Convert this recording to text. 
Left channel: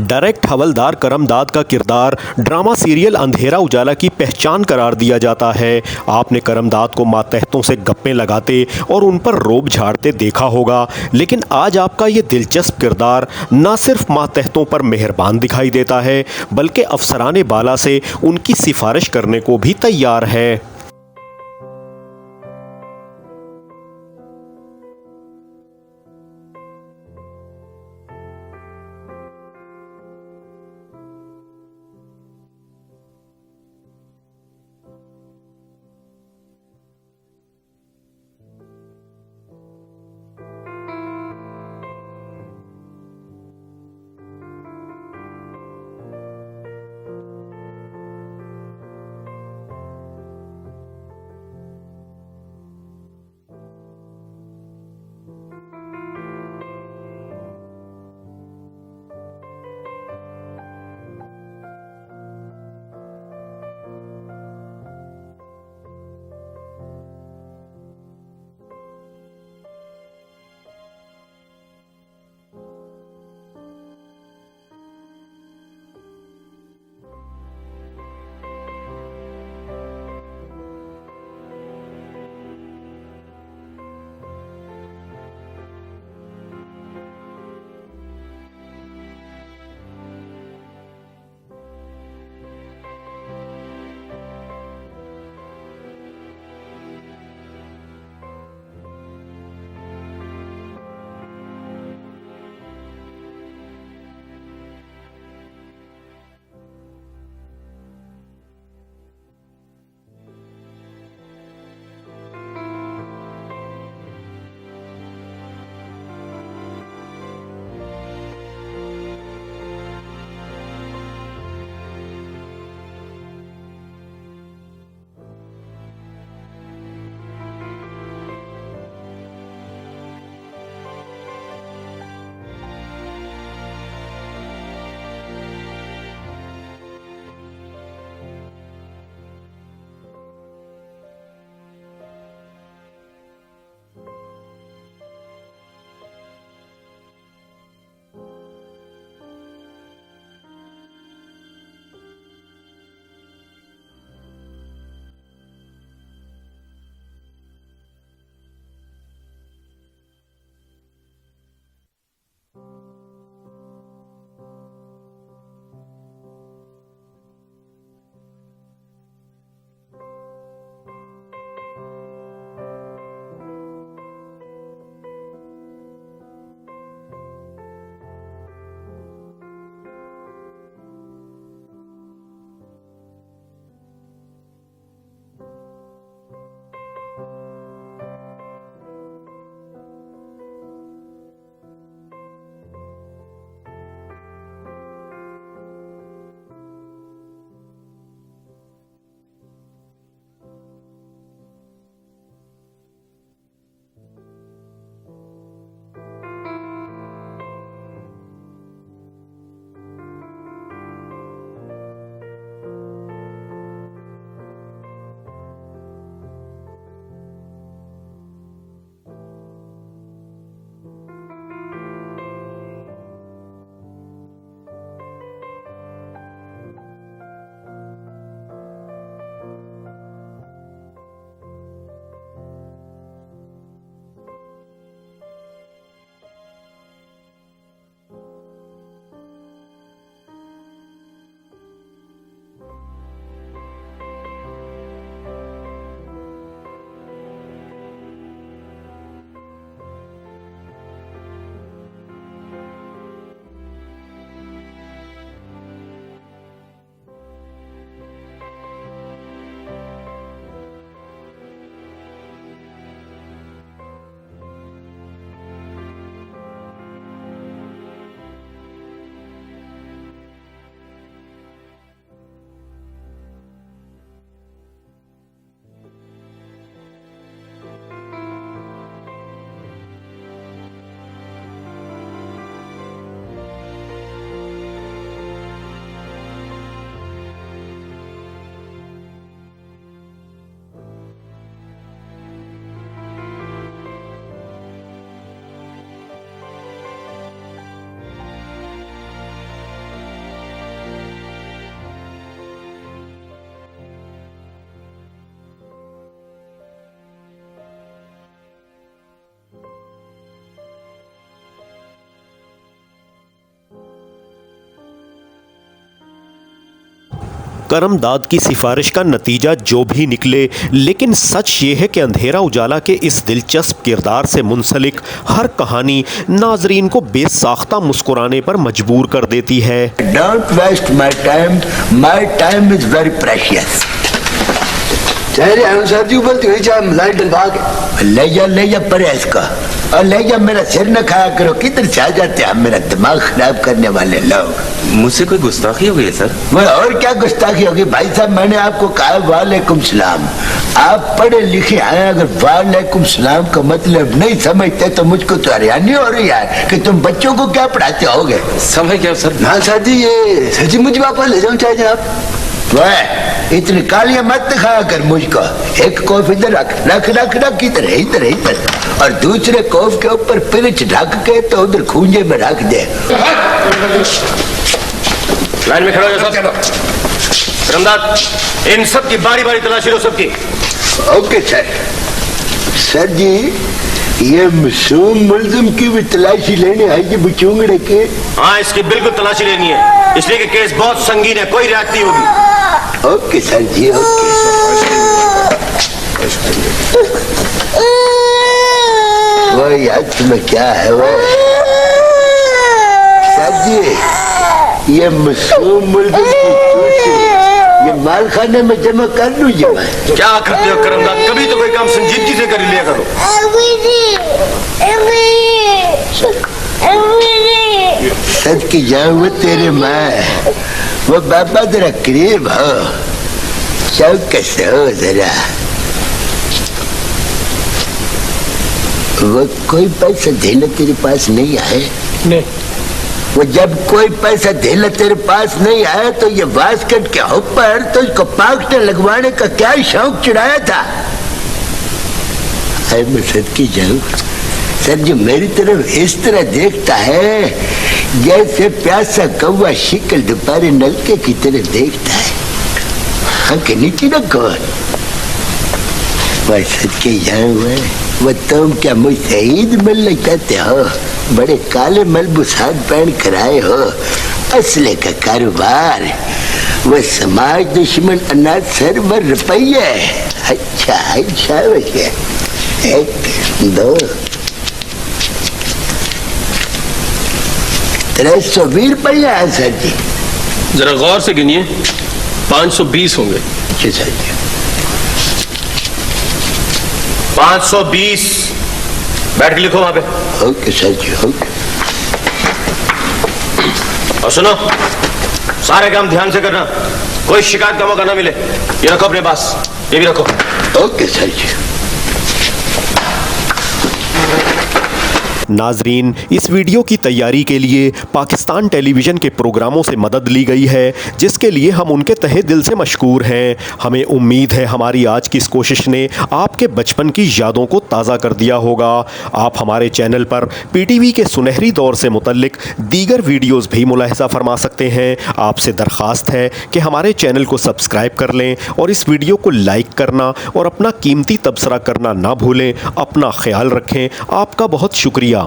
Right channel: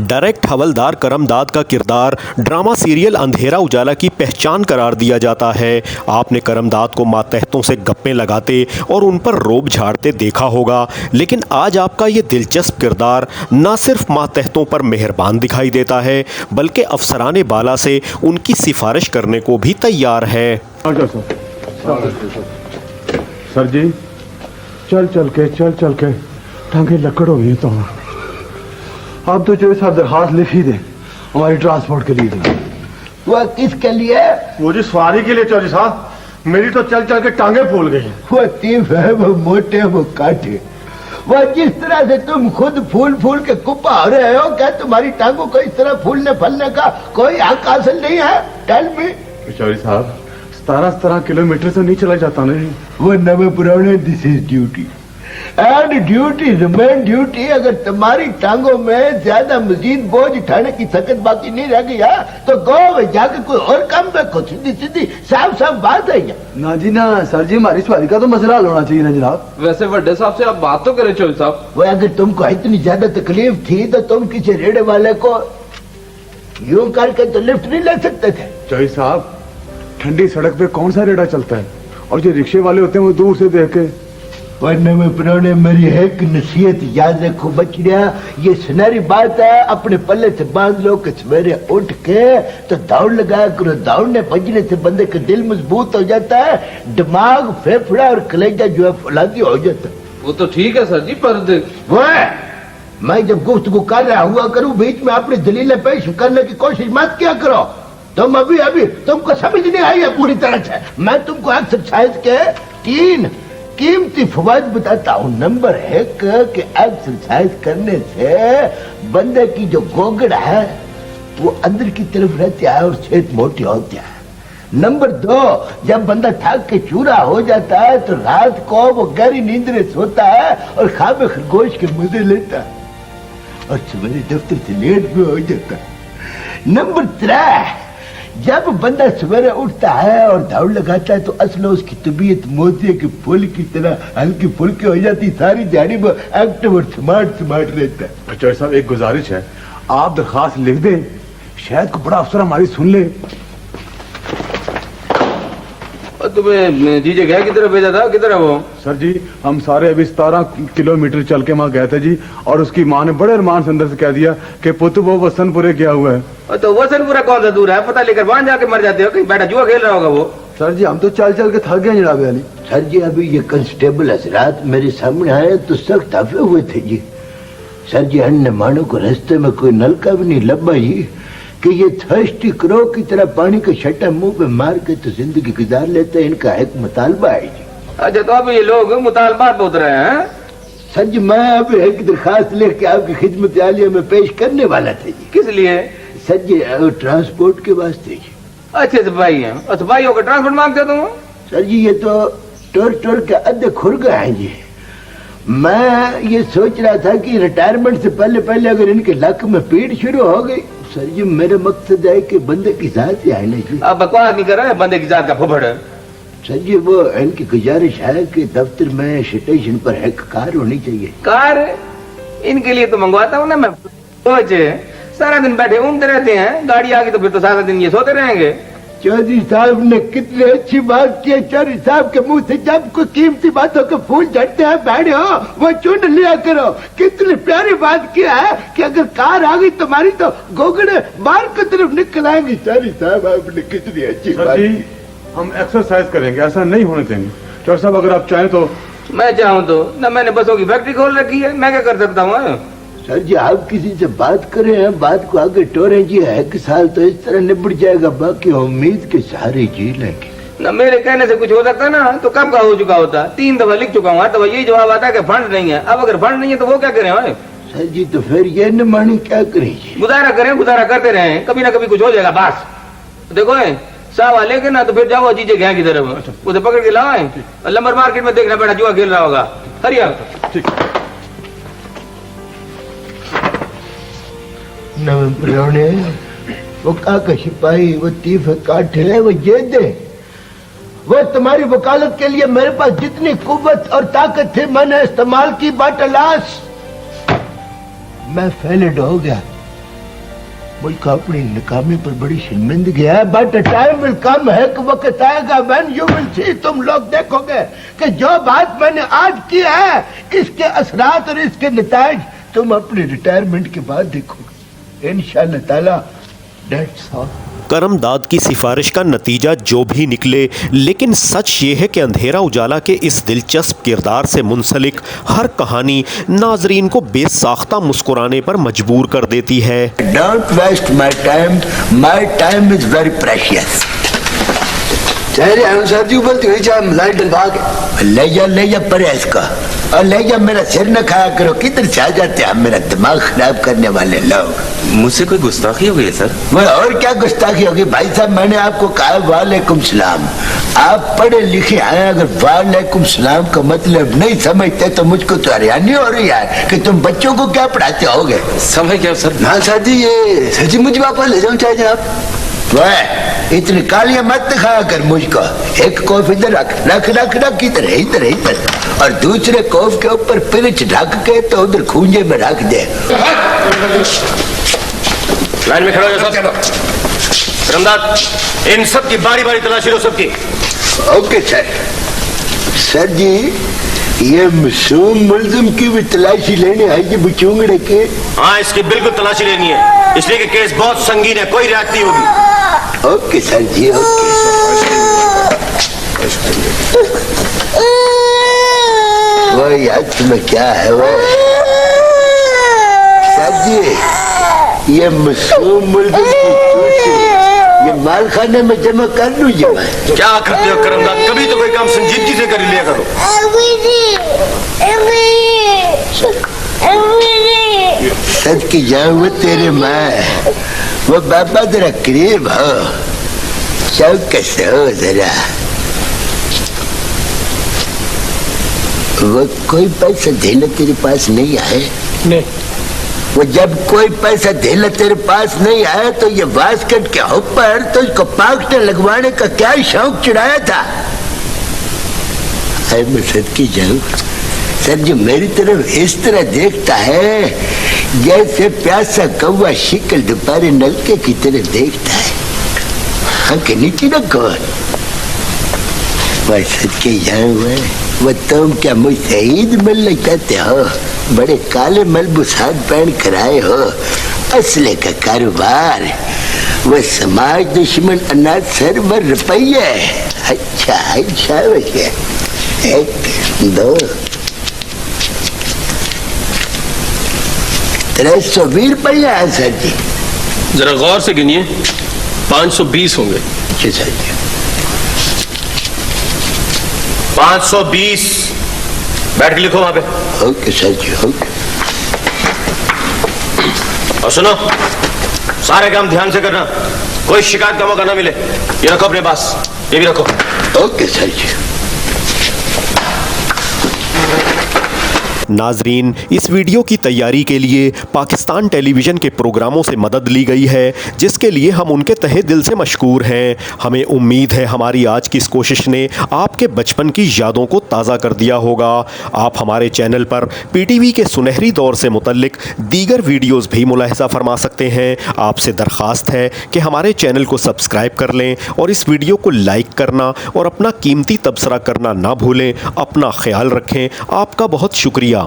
Direct हवलदार करमदाद का किरदार drama serial अंधेरा उजाला की पहचान करार दिया जाता है। आपने करमदाद को मातहतों से गप्पे लगाते और उन पर रोब झाड़ते देखा होगा, लेकिन आज आपका ये दिलचस्प किरदार न सिर्फ मातहतों पर मेहरबान दिखाई देता है, बल्कि अफसराने बाला से उनकी सिफारिश करने को भी तैयार है। सर जी, चल चल के टांगे लकड़ हो गई। तो आप तो जो साहब दरखास्त लिख ही दे, हमारी ट्रांसपोर्ट के लिए दे। वो किसके लिए? वो जी सवारी के लिए चौधरी साहब, मेरी तो चल के टांगे फूल गई। वो तीफ है, वो मोटे, वो काटे। वो जिस तरह से तुम खुद फूल के कुप्पा हो रहे हो, क्या तुम्हारी टांगों को इस तरह फूलने फलने का कोई हक हासिल नहीं है? Tell me. चौधरी साहब, 17 किलोमीटर से नहीं चला जाता नहीं। वो नवे पुराने, this is duty and duty remain duty. अगर तुम्हारी टांगों में ज्यादा मजीद बोझ उठाने की ताकत बाकी नहीं रह गई है तो गो जाकर कोई और काम देखो। सीधी साफ बात है। ना जी ना सर जी, हमारी सवारी का तो मसला हल होना चाहिए ना जनाब। वैसे बड़े साहब से आप बात तो करें चौधरी साहब। वो अगर तुमको इतनी ज्यादा तकलीफ थी तो तुम किसी रेड़े वाले को यूं करके तो लिफ्ट नहीं ले सकते थे? चौधरी साहब, ठंडी सड़क पे कौन सा रेड़ा चलता है, और जो रिक्शे वाले होते हैं वो दूर से देख के। वरना में पुराने मेरी एक नसीहत याद रखो बचड़िया, ये सुनहरी बात है, अपने पल्ले से बांध लो कि सवेरे उठ के तो दौड़ लगाया करो। दौड़ने भजने से बंदे का दिल मजबूत हो जाता है, दिमाग, फेफड़ा और कलेजा जो है फौलादी हो जाता है। वो तो ठीक है सर जी, पर वो मैं जब गुफ्तगू कर रहा हुआ करूं, बीच में अपनी दलीलें पेश करने की कोशिश मत किया करो। तुम अभी तुमको समझ नहीं आई है पूरी तरह से। मैं तुमको एक्सरसाइज के 3 कीमती फवायद बताता हूँ। नंबर 1 कि एक्सरसाइज करने से बंदे की जो गोगड़ है वो अंदर की तरफ रहती है और सेहत मोटी होती है। नंबर 2, जब बंदा थक के चूरा हो जाता है तो रात को वो गहरी नींद में सोता है और खाबे खरगोश के मजे लेता है और सवेरे दफ्तर से लेट भी हो जाता है। नंबर 3, जब बंदा सवेरे उठता है और दौड़ लगाता है तो असल उसकी तबीयत मोती के फूल की तरह हल्की फुल्की हो जाती, सारी दिहाड़ी वो एक्टिव और स्मार्ट रहता है। चौधरी साहब, एक गुजारिश है, आप दरखास्त लिख दें, शायद को बड़ा अफसर हमारी सुन ले। तुम्हें जीजे गया किधर भेजा था, किधर है वो? सर जी, हम सारे अभी 17 किलोमीटर चल के वहाँ गए थे जी, और उसकी माँ ने बड़े अरमान से अंदर से कह दिया कि पुत्र वो वसनपुरे गया हुआ है। तो वसनपुरा कौन सा दूर है? पता लेकर वहां जाके मर जाते हो, कहीं बैठा जुआ खेल रहा होगा वो। सर जी, हम तो चल के थक गए जनाब अली। सर जी, अभी ये कांस्टेबल हजरात मेरे सामने आए तो सख्त हफे हुए थे जी। सर जी, अन्य मानो को रास्ते में कोई नलका भी नहीं लब्बा जी कि ये थर्स्टी क्रो की तरह पानी का छट्टा मुंह पे मार के तो जिंदगी गुजार लेते हैं। इनका एक मुतालबा है जी। अच्छा, तो अब ये लोग मुतालबात पे उतरे हैं? सर जी, मैं अब एक दरखास्त लेके आपकी खिदमत आलिया में पेश करने वाला था जी। किस लिए? सर जी, ट्रांसपोर्ट के वास्ते जी। अच्छे सिपाही हैं, सिपाही होकर ट्रांसपोर्ट मांगते हो तुम? सर जी, ये तो टोर के अद्धे खुरगा है जी। मैं ये सोच रहा था कि रिटायरमेंट से पहले अगर इनके लक में पीड़ शुरू हो गई। सर जी, मेरा मकसद है कि बंदे की जात से आए जी। अब बकवास नहीं कर रहे, बंदे की जात का फुफड़ है। सर जी, वो इनकी गुजारिश है कि दफ्तर में स्टेशन पर एक कार होनी चाहिए। कार? इनके लिए तो मंगवाता हूँ ना मैं। सोचे सारा दिन बैठे ऊँगते रहते हैं, गाड़ी आ गई तो फिर तो सारा दिन ये सोते रहेंगे। चौधरी साहब ने कितनी अच्छी बात की। चौधरी साहब के मुंह से जब कोई कीमती बातों के फूल झड़ते हैं बैठे हो, वो चुन लिया करो। कितनी प्यारी बात किया है कि अगर कार आ गई तुम्हारी तो गोगड़े बाहर की तरफ निकल आएंगी। चौधरी साहब, आपने कितनी अच्छी बात की। हम एक्सरसाइज करेंगे, ऐसा नहीं होने देंगे। चौधरी साहब, अगर आप चाहें तो। मैं चाहूँ तो ना, मैंने बसों की फैक्ट्री खोल रखी है, मैं क्या कर सकता हूँ? सर जी, आप किसी से बात करें हैं, बात को आगे टोरे जी। 1 साल तो इस तरह निपट जाएगा, बाकी उम्मीद के सहारे जी लेंगे। ना मेरे कहने से कुछ हो सकता ना, तो कब का हो चुका होता। 3 दफा लिख चुका हूँ, तो यही जवाब आता है कि फंड नहीं है। अब अगर फंड नहीं है तो वो क्या करें? सर जी, तो फिर ये न मानी क्या करेंगे? गुजारा करें, गुजारा करते रहे, कभी ना कभी कुछ हो जाएगा। बस देखो सावा लेके ना तो फिर जाओ जीजे गया की तरफ, उसे पकड़ के लाओ और लंबर मार्केट में देखना बैठा जुआ खेल रहा होगा। हरिया ठीक। नवे वो काका सिपाही, वो तीफ काठे है, वो ये दे। वो तुम्हारी वकालत के लिए मेरे पास जितनी कुव्वत और ताकत थी मैंने इस्तेमाल की। बाटलास मैं फेलिड हो गया। मुल्क अपनी नाकामी पर बड़ी शर्मिंदगी है, बट टाइम विल कम है कि वक्त आएगा व्हेन यू विल सी, तुम लोग देखोगे कि जो बात मैंने आज की है इसके असरात और इसके नताइज तुम अपनी रिटायरमेंट के बाद देखोगे इंशाअल्लाह ताला। That's all. करमदाद की सिफारिश का नतीजा जो भी निकले, लेकिन सच ये है कि अंधेरा उजाला के इस दिलचस्प किरदार से मुंसलिक हर कहानी नाजरीन को बेसाख्ता मुस्कुराने पर मजबूर कर देती है। Don't waste my time is very precious। चेहरे अनुसार जी बोलती हुई चाहे लाइट डलवा के ले जा परहेज का, और ले जा, मेरा सिर न खाया करो, किधर से आ जाते हैं मेरा दिमाग खराब करने वाले लोग। मुझसे कोई गुस्ताखी हो गई है सर? वो और क्या गुस्ताखी होगी भाई साहब, मैंने आपको कहा वालेकुम सलाम, आप पढ़े लिखे हैं, अगर वालेकुम सलाम का मतलब नहीं समझते तो मुझको तो हैरानी हो रही है कि तुम बच्चों को क्या पढ़ाते होगे। समझ क्या सर? ना सर जी, ये सची मुझ वापस ले जाऊं चाहे आप। वह इतनी कालियां मत दिखाया कर मुझको, एक कोफ इधर रख इधर और दूसरे कोफ के ऊपर पिरिच ढक के तो उधर खूंजे में रख दे। लाइन में खड़ा हो जाओ सब। करमदाद, इन सब की बारी बारी तलाशी लो सबकी। ओके सर जी, ये मासूम मुल्जिम की भी तलाशी लेने आई है बचूंगड़े के? हाँ, इसकी बिल्कुल तलाशी लेनी है, इसलिए कि केस बहुत संगीन है, कोई रियायत नहीं होगी। ओके सर जी, ओके। वो यार तुम्हें क्या है वो सर जी, ये मासूम मुल्जिम की चूची ये माल खाने में जमा कर लूँ ये मैं। क्या करते हो करमदाद, कभी तो कोई काम संजीदगी से कर लिया करो। सच की जाऊँ वो तेरे माँ, वो बाबा जरा करीब हो, चौक से हो जरा। वो कोई पैसा देना तेरे पास नहीं आए? नहीं। वो जब कोई पैसा देना तेरे पास नहीं आया तो ये बास्केट के ऊपर तो इसको पाकटे लगवाने का क्या शौक चढ़ाया था? अरे मैं सच की जाऊँ सर जी, मेरी तरफ इस तरह देखता है जैसे प्यासा कौवा शिकल दोपहर नलके की तरह देखता है। हाँ के नीचे न कौन मैं सच के जाऊँ, वो तुम क्या मुझसे ईद मिलने चाहते हो? बड़े काले मलबूसात पहन कर आए हो, असले का कारोबार, वो समाज दुश्मन अनाज सरवर रुपये। अच्छा वैसे 1 2 320 रुपया है सर जी। जरा गौर से गिनिए, 520 होंगे। जी सर जी। 520 बैठ के लिखो वहां पे। ओके सर जी, ओके। और सुनो, सारे काम ध्यान से करना, कोई शिकायत का मौका ना मिले। ये रखो अपने पास, ये भी रखो। ओके सर जी। नाजरीन, इस वीडियो की तैयारी के लिए पाकिस्तान टेलीविज़न के प्रोग्रामों से मदद ली गई है, जिसके लिए हम उनके तहे दिल से मशकूर हैं। हमें उम्मीद है हमारी आज की इस कोशिश ने आपके बचपन की यादों को ताज़ा कर दिया होगा। आप हमारे चैनल पर पीटीवी के सुनहरी दौर से मुतल्लिक दीगर वीडियोज़ भी मुलाहिज़ा फरमा सकते हैं। आपसे दरख्वास्त है कि हमारे चैनल को सब्सक्राइब कर लें और इस वीडियो को लाइक करना और अपना कीमती तबसरा करना ना भूलें। अपना ख्याल रखें। आपका बहुत शुक्रिया।